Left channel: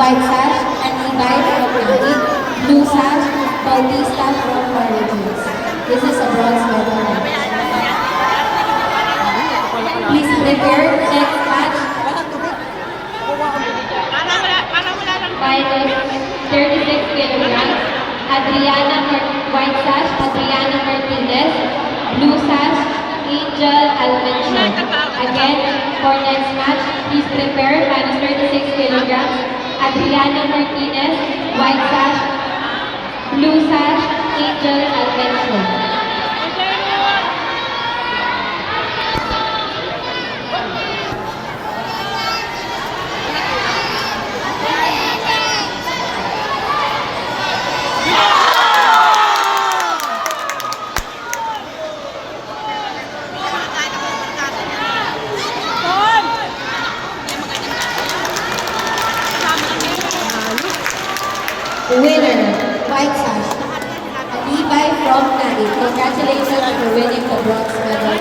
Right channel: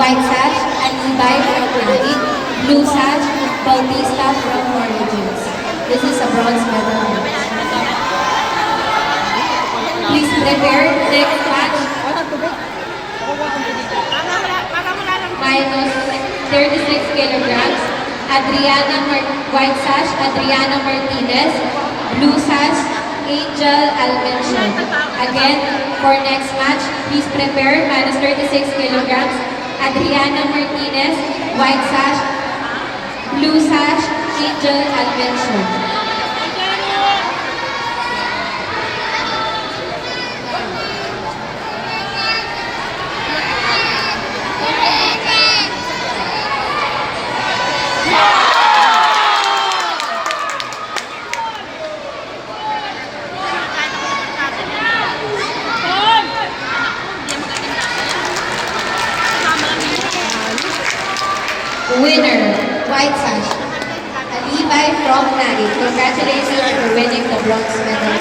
White sash, Anibay from Naik. Blue sash, Bautista from Maritimes. This is a bronze medal match. Please prepare. Next match. Minus 36 kilograms. White sash, Adriana Martinez. Blue sash, Angel Almencio. Again, for next match, please prepare. Minus 36 kilograms. Adriana Martinez. White sash, Blue sash, Angel Almencio. Winner, White sash, Anibay from Naik. Congratulations for winning the bronze medal.